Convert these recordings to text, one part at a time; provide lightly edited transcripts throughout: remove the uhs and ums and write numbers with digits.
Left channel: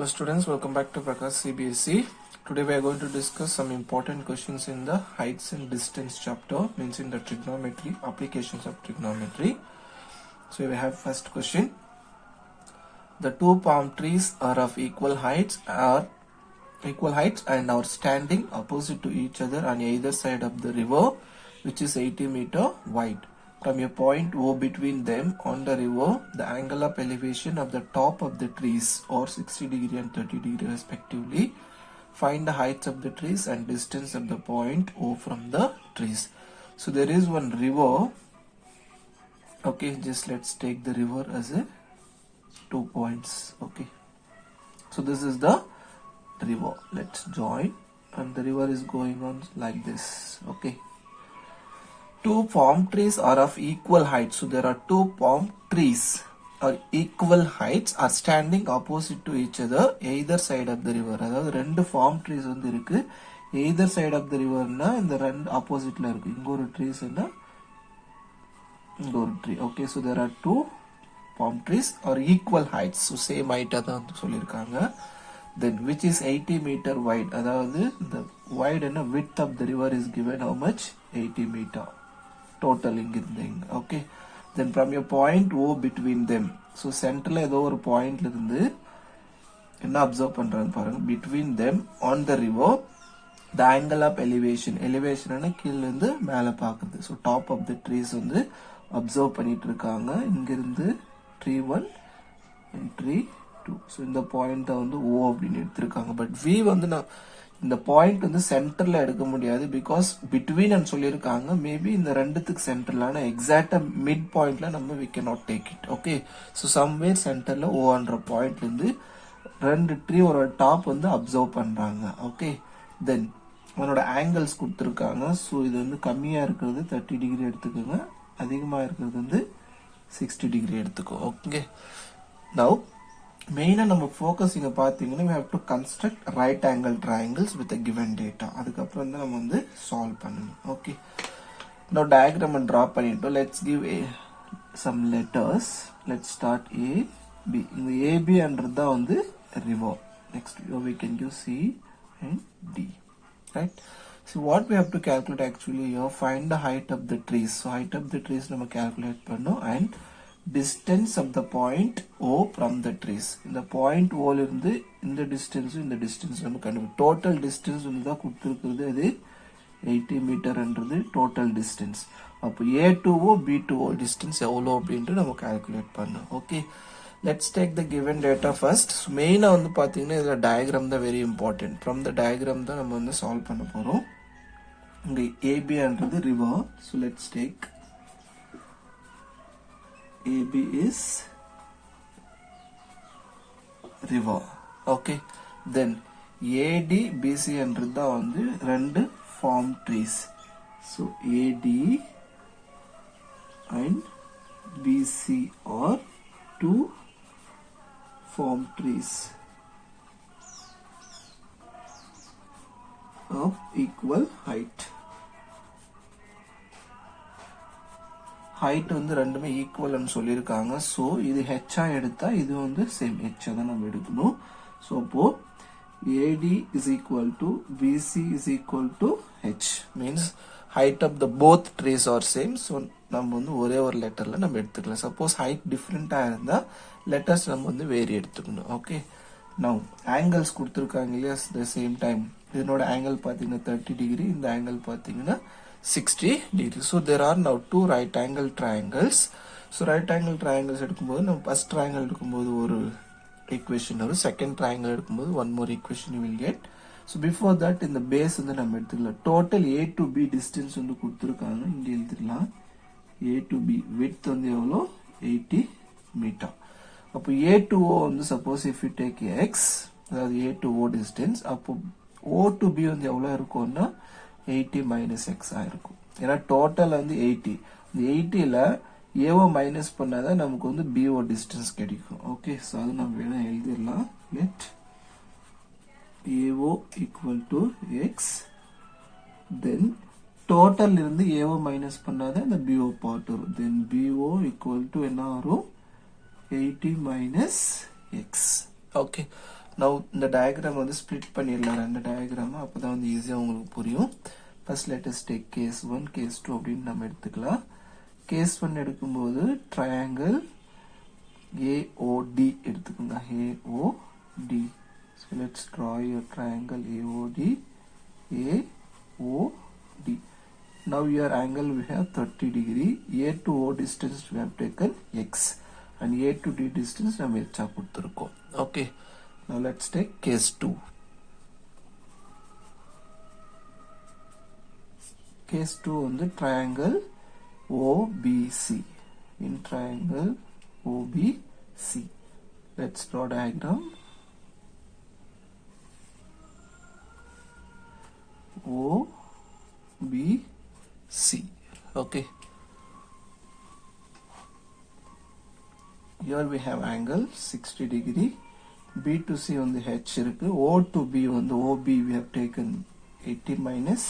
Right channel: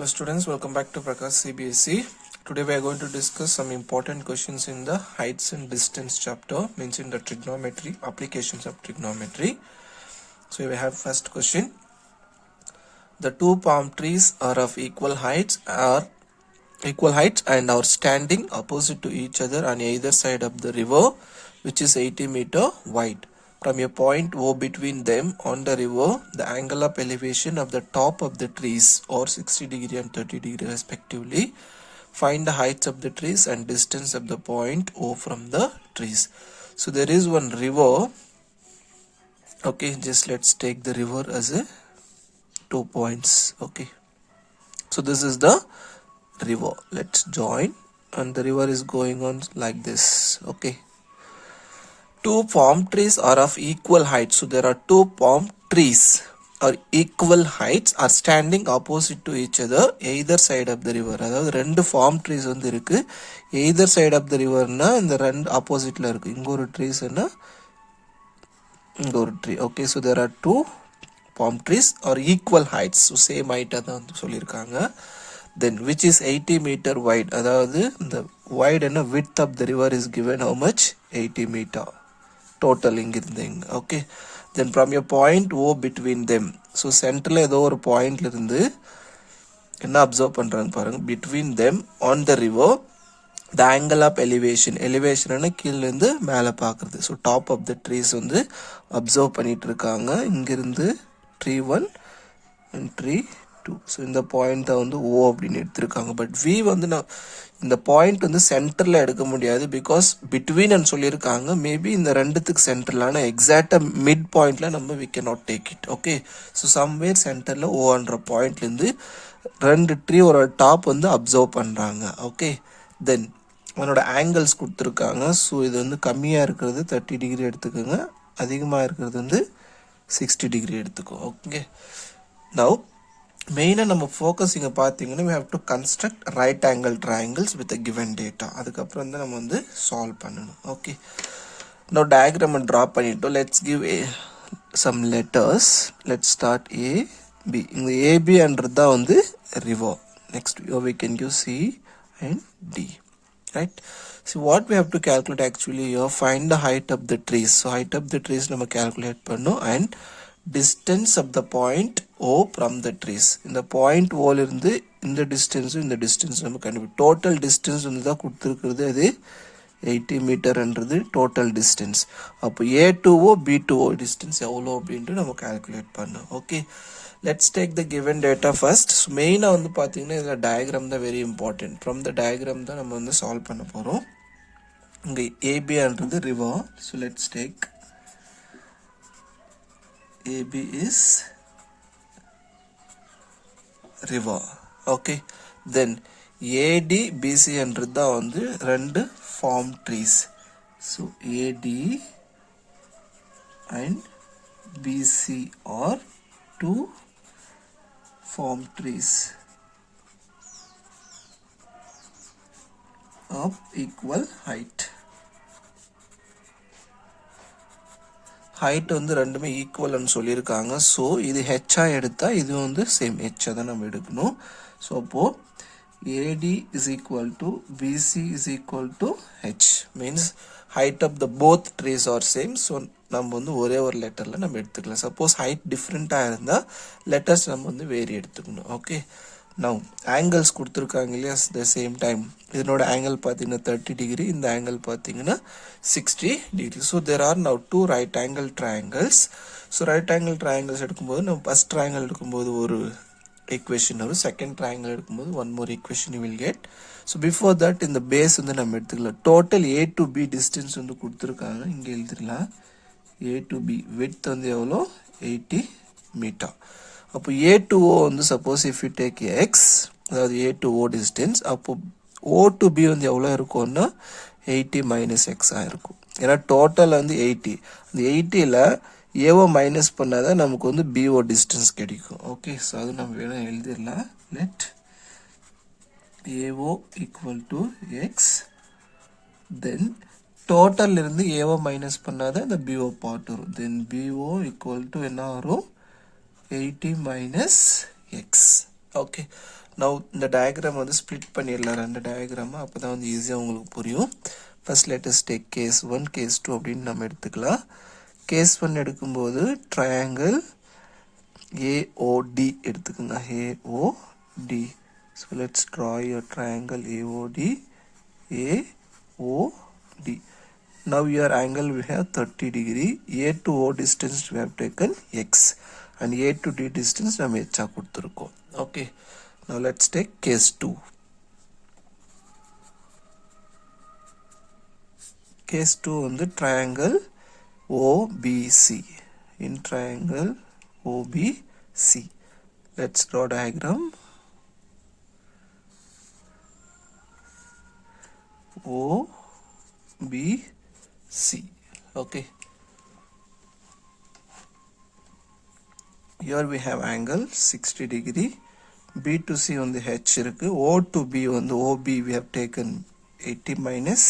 Hello students, welcome back to Prakash CBSE. Today we are going to discuss some important questions in the heights and distance chapter, means in the trigonometry, applications of trigonometry. So we have first question. The two palm trees are of equal heights and are standing opposite to each other on either side of the river, which is 80-meter wide. From a point O between them on the river, the angle of elevation of the top of the trees or 60 degree and 30 degree respectively. Find the heights of the trees and distance of the point O from the trees. So there is one river. Okay, just let's take the river as a 2 points. Okay, so this is the river. Let's join, and the river is going on like this. Okay, two palm trees are of equal height. So there are two palm trees or equal heights are standing opposite to each other either side of the river. அதாவது ரெண்டு palm trees வந்து இருக்கு. either side of the riverனா இந்த ரெண்டு ஆப்போசிட்ல இருக்கு. இங்க ஒரு ட்ரீஸ்னா இங்க ஒரு tree. Okay, so there are two palm trees or equal heights. So same height தான் சொல்லிருக்காங்க. Then which is 80 meter wide. அதாவது the wide and width of the river is given how much? 80 meter. Total இங்கிருந்து இங்க. Okay, then from a point O between them. So centerல ஏதோ ஒரு பாயிண்ட்ல இருந்து என்ன அப்சர்வ் பண்றாங்க பாருங்க. between them on the river, the angle of elevation. elevation கீழ இருந்து மேலே பார்க்கிறது. So top of the trees வந்து அப்சர்வ் பண்ணிட்டு இருக்காங்க. இங்கிருந்து tree 1 and tree 2. ஸோ இந்த பாயிண்ட்டை வந்து O அப்படின்னு எடுத்திருக்காங்க. பட் V வந்து நான் இந்த பாயிண்ட் வந்து சென்டரில் எடுக்க முடியாது, பிகாஸ் பிட்வீன் சொல்லியிருக்காங்க. மேபி இந்த ரெண்டுத்துக்கு சென்டரில், ஆனால் எக்ஸாக்டாக மிட் பாயிண்டில் நம்ம we can not take it. Okay, so somewhere சென்டரில் ஓன்ற பாயிண்ட்லேருந்து ரெண்டு ட்ரீ ஒரு டாப் வந்து அப்சர்வ் பண்ணுறாங்க. ஓகே, தென் அதனோட ஆங்கிள்ஸ் கொடுத்துருக்காங்க. ஸோ இது வந்து கம்மியாக இருக்கிறது 30 டிகிரி எடுத்துக்கோங்க, அதிகமாக இருக்கிறது வந்து 60 டிகிரி எடுத்துக்கோ. ஓகே, நவ் மெயினாக நம்ம ஃபோக்கஸ் இங்கே பார்த்தீங்கன்னா we have to construct right angle triangles with a given data. அதுக்கப்புறம் தான் நம்ம வந்து சால்வ் பண்ணணும். ஓகே, now diagram ட்ரா பண்ணிட்டோம். let's give some letters. let's start A, B. இந்த ABன்றது தான் வந்து river. next we can give C and D, right? So what we have to calculate actually here, find the height of the trees. So height of the trees நம்ம calculate பண்ணணும், and distance of the point O from the trees. இந்த point O இருந்து இந்த distance நம்ம கண்டுபிடி. total distance வந்து தான் கொடுத்துருக்கிறது, அது 80 மீட்டர்ன்றது total distance. அப்போ A to O B to O distance எவ்வளோ அப்படின்ட்டு நம்ம calculate பண்ணணும். Okay, let's take the given data first. மெயினாக வந்து பார்த்தீங்கன்னா இதில் டயக்ராம் தான் very important. From the diagram தான் நம்ம வந்து சால்வ் பண்ண போகிறோம். இங்கே ஏபின்றது river. So let's take AB is river. Okay, then AD BC என்றது தான் வந்து ரெண்டு palm trees. So AD and BC are two palm trees of equal height. Height வந்து ரெண்டுமே ஈக்குவல்னு சொல்லியிருக்காங்க. ஸோ இது ஹெச்சாக எடுத்தால் இது வந்து சேம் ஹெச்சாக தான் நம்ம எடுக்கணும். ஸோ அப்போது AD is equal to BC is equal to H, means height of the both trees are same. So நம்ம வந்து ஒரே ஒரு லெட்டரில் நம்ம எடுத்துக்கலாம். சப்போஸ் ஹைட் டிஃப்ரெண்ட்டாக இருந்தால் லெட்டர்ஸ் நம்ம வந்து வேறு எடுத்துக்கணும். ஓகே, நவ் ஆங்கிள்ஸ் கொடுத்துருக்காங்க இல்லையா, த சேம் டைம் இதனோட ஆங்கிள் பார்த்தீங்கன்னா 30 டிகிரி, இந்த ஆங்கிள் பார்த்தீங்கன்னா 60 degree. So there are now two right angle triangles. So right angle triangles எடுக்கும்போது நம்ம ஃபஸ்ட் ட்ரையாங்கிள் எடுக்கும்போது ஒரு ஈக்குவேஷன் வரும், செகண்ட் ட்ரையாங்கிள் எடுக்கும்போது one more equation you will get. So before that இந்த பேஸ் வந்து நம்ம எடுத்துக்கலாம். Total A to B distance வந்து கொடுத்துருக்காங்க, இங்கே எழுதிடலாம். A to B விட்த் வந்து எவ்வளோ, 80 மீட்டர். அப்போ A to O வந்து suppose if you take X, அதாவது A to O டிஸ்டன்ஸ், அப்போ O to B வந்து எவ்வளோ இருக்கும்னா 80 மைனஸ் எக்ஸாக இருக்கும். ஏன்னா டோட்டல் வந்து 80, அந்த 80ல் ஏஓ மைனஸ் பண்ணால் தான் நமக்கு வந்து பிஓ டிஸ்டன்ஸ் கிடைக்கும். ஓகே, ஸோ அது நம்ம வேணும் எழுதிடலாம். Let AO equal to x, then total இருந்து ஏஓ மைனஸ் பண்ணால் தான் இந்த பிஓ பார்ட் வரும். தென் பிஓ ஈக்குவல் டு என்ன வரும், 80 minus x. Okay, Now இந்த diagram வந்து split பண்ணிடலாம் ரெண்டு diagram. அப்போ தான் வந்து ஈஸியாக உங்களுக்கு புரியும். First let us take case 1, case 2 அப்படின்னு நம்ம எடுத்துக்கலாம். Case 1 எடுக்கும்போது triangle AOD எடுத்துக்கோங்க. AOD. So let's draw your triangle AOD. AOD. Now your angle we have 30 degree. A to O distance we have taken X. And A to D distance நம்ம H கொடுத்துருக்கோம். Okay. Now let's take case 2. Case 2 வந்து triangle OBC. In triangle OBC. Let's draw diagram. OBC. Okay. Here we have angle 60 degree. B to C on the H இருக்கு. O to B on the OB we have taken 80 minus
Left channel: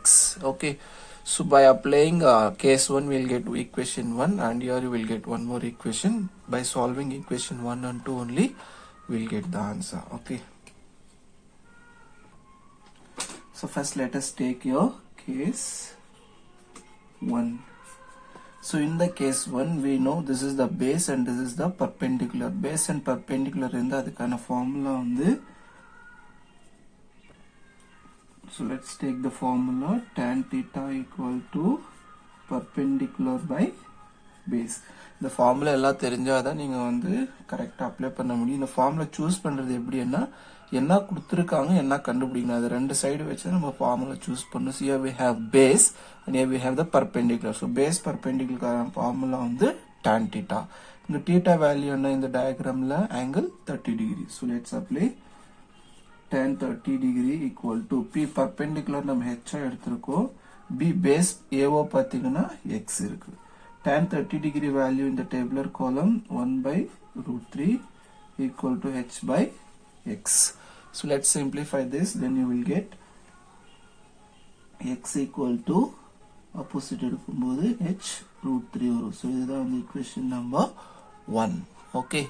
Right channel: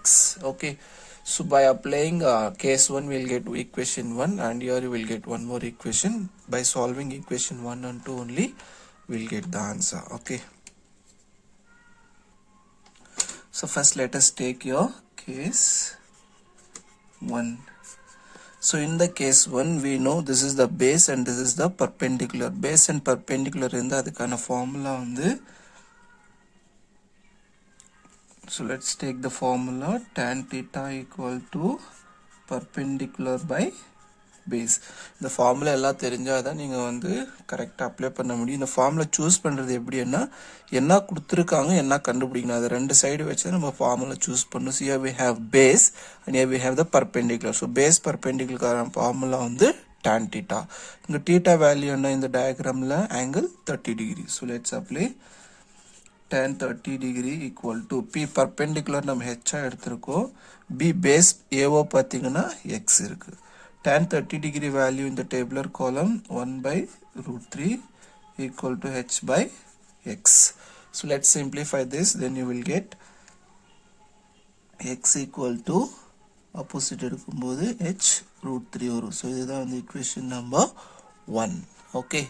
X. Okay. So by applying case 1 we will get equation 1 and here you will get one more equation. By solving equation 1 and 2 only we will get the answer. Okay. So first let us take your case 1. So in the case 1 we know this is the base and this is the perpendicular. Base and perpendicular இருந்தா அதுக்கான formula வந்து so let's take the formula tan theta equal to perpendicular by base. இந்த formula எல்லாம் தெரிஞ்சாதான் நீங்க வந்து கரெக்ட்டா அப்ளை பண்ண முடியும். இந்த formula choose பண்றது எப்படின்னா என்ன கொடுத்திருக்காங்க என்ன கண்டுபிடிக்கணும் அது ரெண்டு சைடு வச்சு நம்ம ஃபார்முலா சூஸ் பண்ணனும். So here we have base and here we have the perpendicular. So base perpendicular formula வந்து tan theta. இந்த theta வேல்யூ என்ன இந்த டயகிராம்ல angle 30 degree. So let's apply tan 30 degree equal to P perpendicular நம்ம h எடுத்துறோம். B base AO பாத்தீங்கன்னா x இருக்கு. Tan 30 degree value in the tabular column 1 by root 3 equal to h by x. So let's simplify this, then you will get x equal to opposite எடுக்கும்போது h root 3 வரும். So இதுதான் வந்து equation number 1. Okay.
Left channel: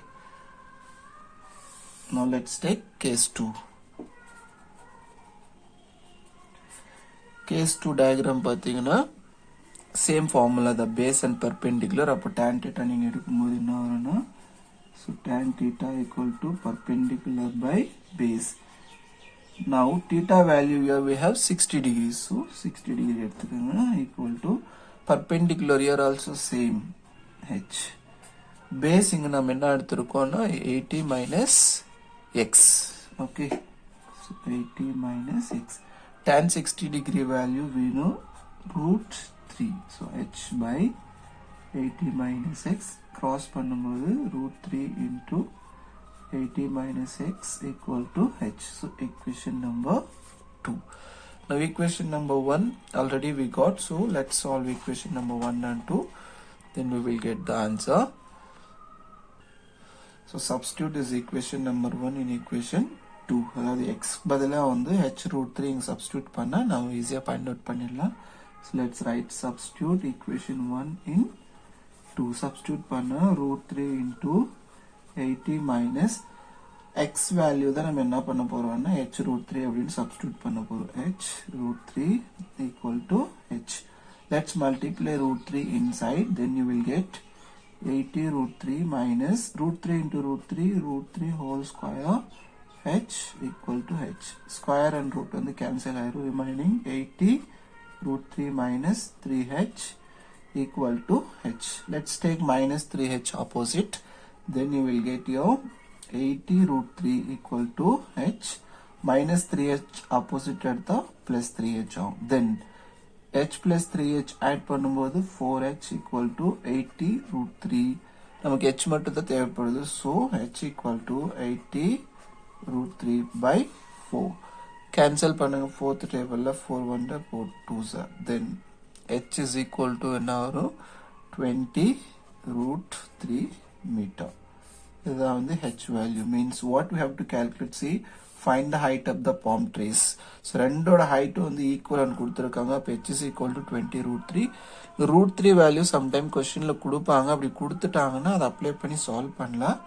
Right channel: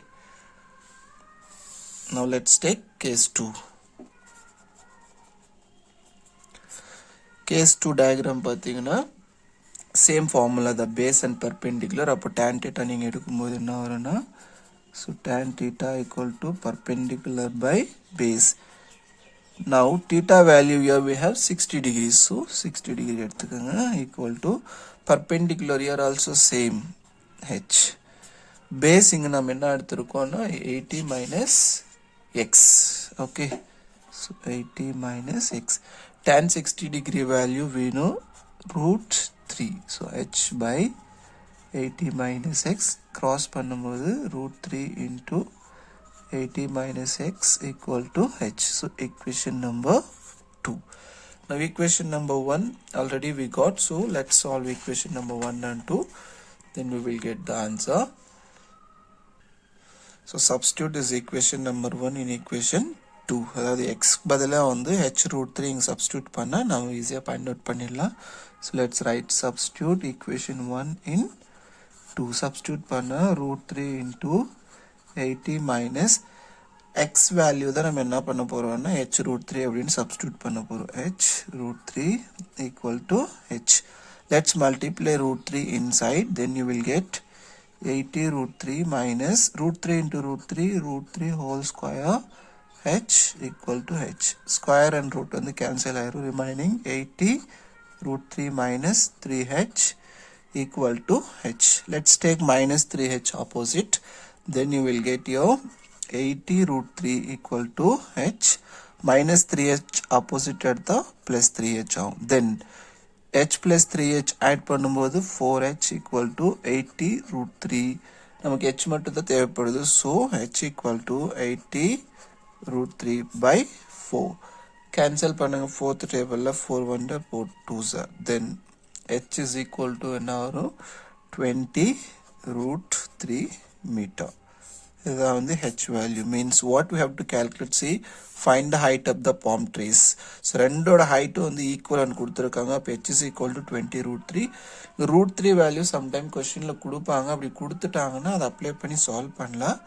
Now let's take case 2. Case 2 diagram பாத்தீங்கன்னா same formula the base and perpendicular. அப்போ tan theta நீங்க எடுக்கும்போது என்ன வரும்னா so tan theta equal to perpendicular by base. Now theta value here we have 60 degrees. So 60 degree எடுத்துக்கங்க equal to perpendicular here also same h. Base இங்க நம்ம என்ன எடுத்துருக்கோம்னா 80 minus x. Okay. So 80 minus x. Tan 60 degree value we know root 3. So h by 80 minus x cross பண்ணும்போது root 3 into 80 minus x equal to h. So equation number 2. Now equation number 1 already we got. So let's solve equation number 1 and 2. Then we will get the answer. So substitute this equation number 1 in equation 2. அதாவது x பதிலா வந்து h root 3 இங்க substitute பண்ணா நாம ஈஸியா find out பண்ணிடலாம். So let's write substitute equation 1 in 2. Substitute பண்ணா root 3 into 80 minus x value தான் நம்ம என்ன பண்ண போறோம்னா h root 3 அப்படின்னு substitute பண்ண போறோம். h root 3 equal to h. Let's multiply root 3 inside, then you will get 80 root 3 minus root 3 into root 3 whole square h equal to h. Square and root வந்து cancel ஆயிரும். Remaining 80 root 3 minus 3h equal to h. Let's take minus 3h opposite. Then you will get your 80 root 3 equal to h. Minus 3h opposite எடுத்தா plus 3h ஆகும். Then h plus 3h add பண்ணும்போது 4h equal to 80 root 3. நமக்கு h மட்டும் தான் தேவைப்படுது. So h equal to 80 root 3 by 4. Cancel பண்ணுங்க 4th table 4 1 4 2s. Then h is equal to என்ன வரும் 20 root 3 meter. இதுதான் வந்து h value. Means what we have to calculate, see, find the height of the palm trees. So ரெண்டோட height வந்து equivalent கொடுத்திருக்காங்க. அப்ப h is equal to 20 root 3. root 3 value sometime questionல கொடுப்பாங்க. அப்படி கொடுத்துட்டாங்கன்னா அதை அப்ளை பண்ணி சால்வ் பண்ணலாம்.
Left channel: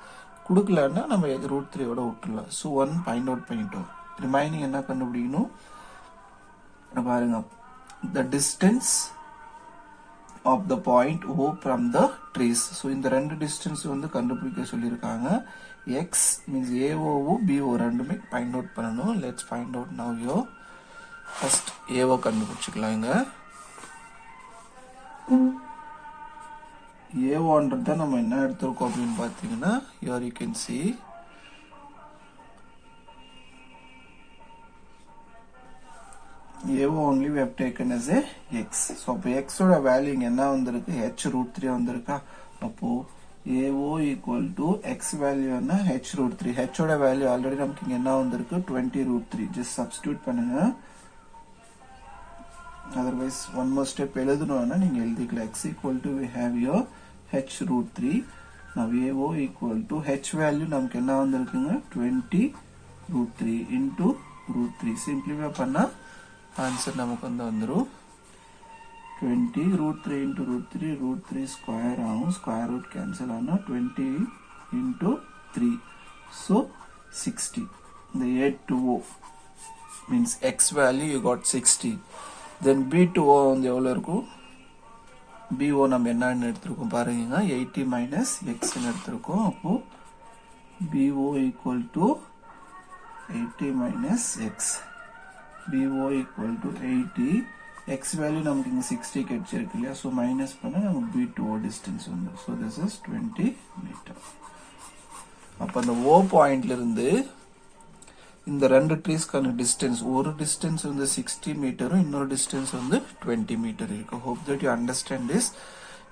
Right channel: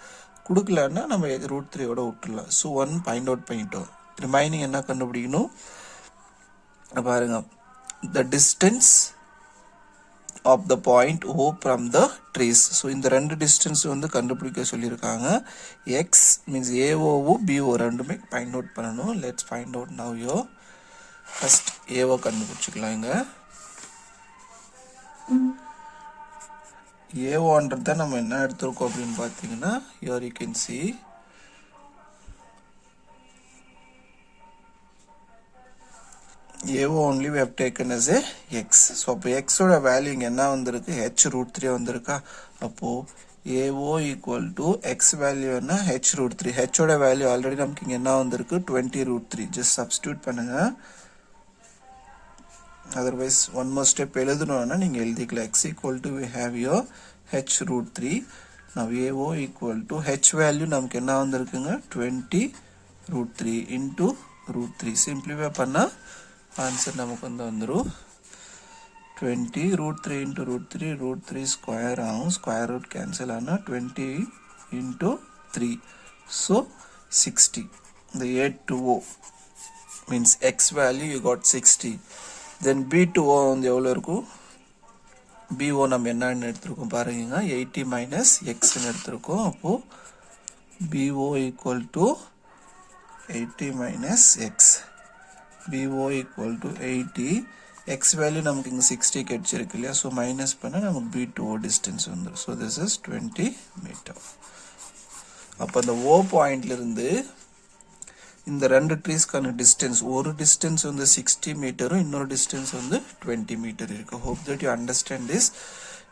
கொடுக்கலன்னா நம்ம √3 விட்டுடலாம். ஸோ 1 ஃபைண்ட் அவுட் பண்ணிட்டோம். ரிமைனிங் என்ன கண்டுபிடிக்கணும் பாருங்க, the distance of the point O from the trace. So இந்த ரெண்டு டிஸ்டன்ஸ் வந்து கண்டுபிடிக்க சொல்லியிருக்காங்க. x means AO BO ரெண்டுமே ஃபைண்ட் அவுட் பண்ணணும். லெட்ஸ் ஃபைண்ட் அவுட் நவ் யோ. ஃபர்ஸ்ட் AO கண்டுபிடிச்சிக்கலாம். இங்க AOன்றது தான் நம்ம என்ன எடுத்திருக்கோம் அப்படின்னு பார்த்தீங்கன்னா, here you can see AO only we have taken as a x. So அப்போ x ஓட வேல்யூ இங்கே என்ன வந்திருக்கு, h√3 வந்திருக்கா. அப்போ AO equal to x value என்ன, h√3. h ஓட வேல்யூ ஆல்ரெடி நமக்கு இங்கே என்ன வந்திருக்கு, 20√3. ஜஸ்ட் சப்ஸ்டியூட் பண்ணுங்க. அதர்வைஸ் ஒன் மோர் ஸ்டெப் எழுதணும்னா நீங்கள் எழுதிக்கலாம். x equal to we have your h√3. now AO equal to h value நமக்கு என்ன வந்திருக்குங்க, 20√3 into √3. சிம்பிளிஃபை பண்ணால் ஆன்சர் நமக்கு வந்துடும் 20√3 into √3 ஸ்கொயர் ஆகும். ஸ்கொயர் ரூட் கேன்சல் ஆனால் 20 into 3. ஸோ 60. இந்த A2O means x value you got 60. தென் B2O வந்து எவ்வளோ இருக்கும், BO நம்ம என்னன்னு எடுத்துருக்கோம் பாருங்க, 80 minus xன்னு எடுத்துருக்கோம். அப்போது BO equal to 80 minus x. BO equal to 80. x value நமக்கு இங்கே 60 கிடைச்சிருக்கு இல்லையா. ஸோ மைனஸ் பண்ண நமக்கு B2O டிஸ்டன்ஸ் வந்துடும். So this is 20 metre. அப்போ இந்த O பாயிண்ட்லேருந்து இந்த ரெண்டு ட்ரீஸ்க்கான டிஸ்டன்ஸ், ஒரு டிஸ்டன்ஸ் வந்து 60 மீட்டரும் இன்னொரு டிஸ்டன்ஸ் வந்து 20 மீட்டர் இருக்குது. Hope that you understand this.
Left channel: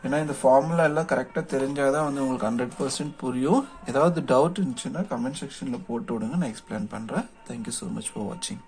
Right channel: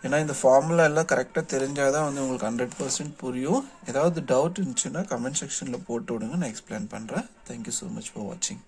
ஏன்னா இந்த ஃபார்முலா எல்லாம் கரெக்டாக தெரிஞ்சால் தான் வந்து உங்களுக்கு 100% புரியும். ஏதாவது டவுட் இருந்துச்சுன்னா கமெண்ட் செக்ஷனில் போட்டு விடுங்க, நான் எக்ஸ்பிளைன் பண்ணுறேன். தேங்க்யூ ஸோ மச் ஃபார் வாட்சிங்.